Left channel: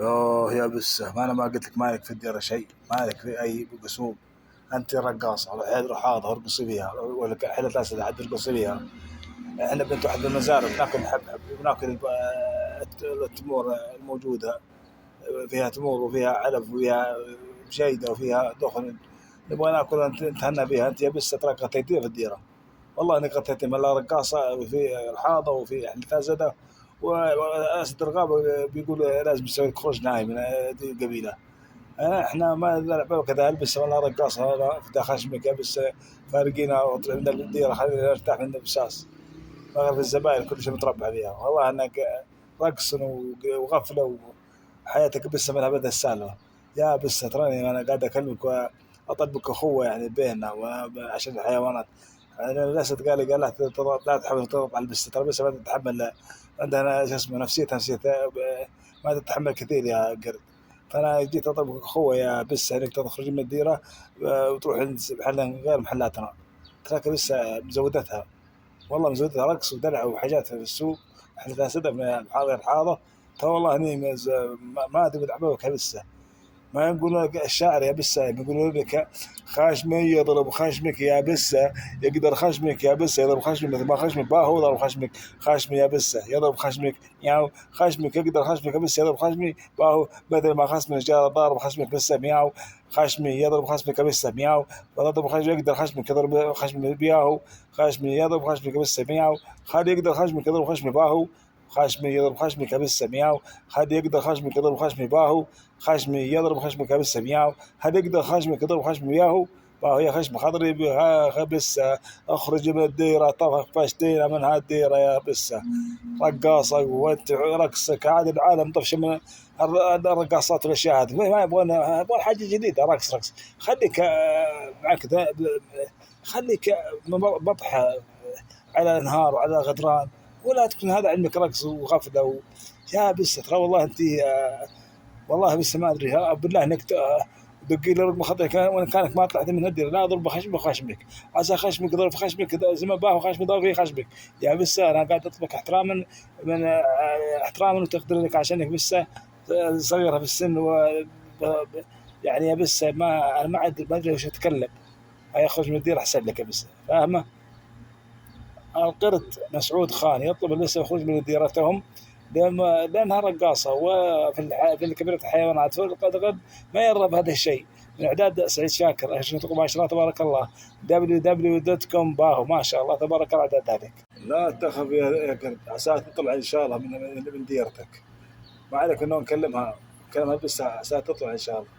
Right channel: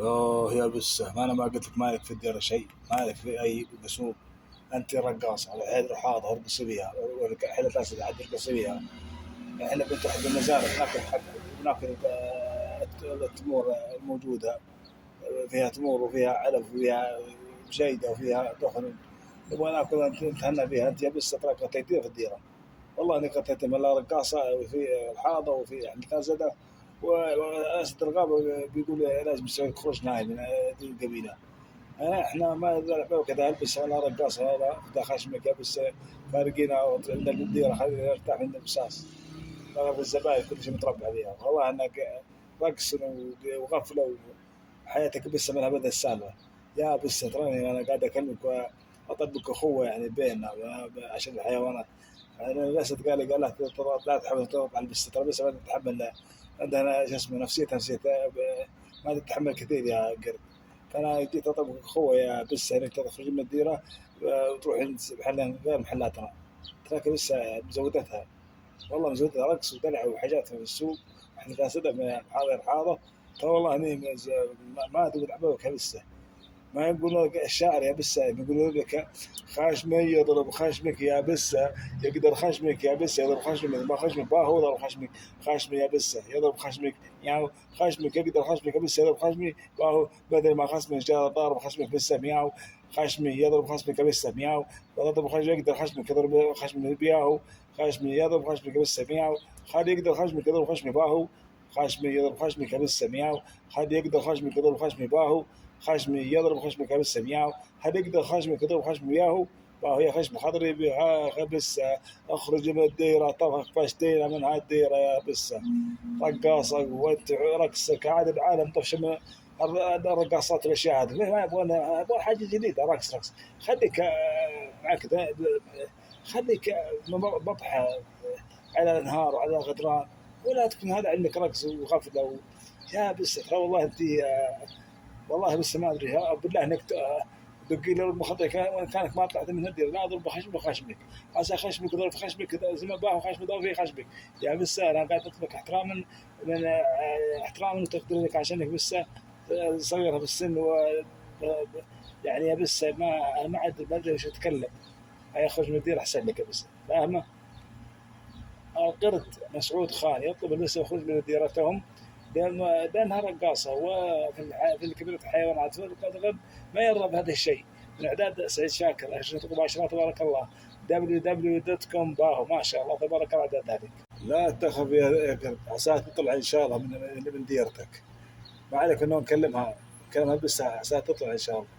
يوه يا بسه، ما انا ما قلت لك مالك في الديره شيء، مالك في اي قسوم. انت رقاصه روح هذا ارقصي بيها، ولا حيلة اسد حد ارقصي بيها. احنا بنت واحد المزارع بناكل حبحب، بناكل التمور الموجوده، فيها تمور وفيها علف وفيها جيده وفيها دخن. نبغى ناكل نتهنى بها. انت يا بس تراك غطيتيها في الديره، والله انك غطيتي من لا رقاصه في الحاضه وفي حلفازده. واسد الغابه بيقول لازم يسوي خروج نهائي من القبيله. احنا ما نلعب كذا البس ولا رقاصه ولا فتح خشمك بس. فارقينا واطلع من الديره، خلينا نرتاح من البساس. مغرب الزبائن كل شيء متربع فيها، والله انك رقص وغفله وحياتك بس من ابد السالفه. يا بس تراني انا قاعد اكلمك واطبق اخوه يعني بيننا عشان الحيوانات. انا الاسد قال لا تحاول تضغط على البس، ترى بس ما تتحمل. عندنا شو اسمه نفسيه ما تتحمل كثير يا قرد. فانا جيت اطبق اخوه يا بس انك تخرج من الديره وتروح عند محل غير محلاتنا. تراك بس مزودتها، والله مزودة رقص ودلع وحاجات في السوق. احنا فاسدة من حاضر الحاضة. ترى والله اني ما ادري احبابك بسه. ما يقولون لك الشاعر يا بسه، يقولون لك خشمي يضرب خشمك يا بسه، يقدر خشمك يا بسه يضرب خشمك مثل ما خشمك باهو يضرب خشمك. خشمي يا بسه يضرب خشمك مياو، خشمك يقدر خشمك يا بسه يضرب خشمي باهو، بدل ما خصمك جاء ضارب خشمك بسه مياو. خشمي يضرب خشمك بسه مياو، ويضرب خشمك يقدر خشمك يضرب خشمك بياهو. خشمي يضرب خشمك بسه مياو، خد يقدر خشمك يضرب خشمي باهو. خشمي يضرب خشمك بسه مياو، خد يقدر خشمك يضرب خشمي باهو. خشمي يضرب خشمك بس مياو، هذا يقدر خشمك يضرب خشمي ياهو. باهو يا خشم خضري بها بس. اخرج من الديره طفق فاشتينا من هالديره يا بس. رقاصه وانت رقصك عاد العالم طفش من الرقاصات والاشياء هذه، ما يبغون حاجه جديده. رقص خليك معك خليك بطحه على الانهار وعلى غدران، ولا تكون هذا علمك رقص وغفله يا بس. ترى والله انت والله بس ما ادري بالله انك دقي لي رقم خطأ وان كانك ما طلعت من الديره لا اضرب خشمك وخشمك. عسى خشمك ضرب خشمك زي ما باهو خشمك ضرب في خشمك. يا بس انا قاعد اطلبك احتراما من احتراما وتقديرك عشانك بس صغيره في السن يعني يا بس ما انا ما ادري وش اتكلم. هيا اخرج من الديره احسن لك بس، فاهمه؟ القرد مسعود خان يطلب لسه يخرج من ديرتهم لأنها رقاصة في كبيرة الحيوانات. فالقرد ما يرغب هذا الشيء. من إعداد سعيد شاكر، أشرطكم ما شاء الله تبارك الله. www.com باهو ما شاء الله تبارك الله إعداد ذلك. لا تخف يا قرد، عساها تطلع إن شاء الله من ديرتك. ما عليك إنه نكلمها بس عساها تطلع إن شاء الله.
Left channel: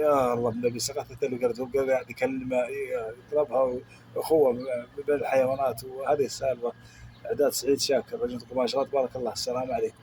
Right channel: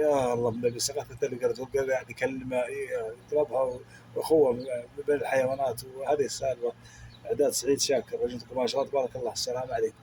يا الله النبي سقطت اللي قالت وقال يعني كلمة يطلبها أخوة بين الحيوانات، وهذه السالفة. إعداد سعيد شاكر، رجل ما شاء الله تبارك الله. السلام عليكم.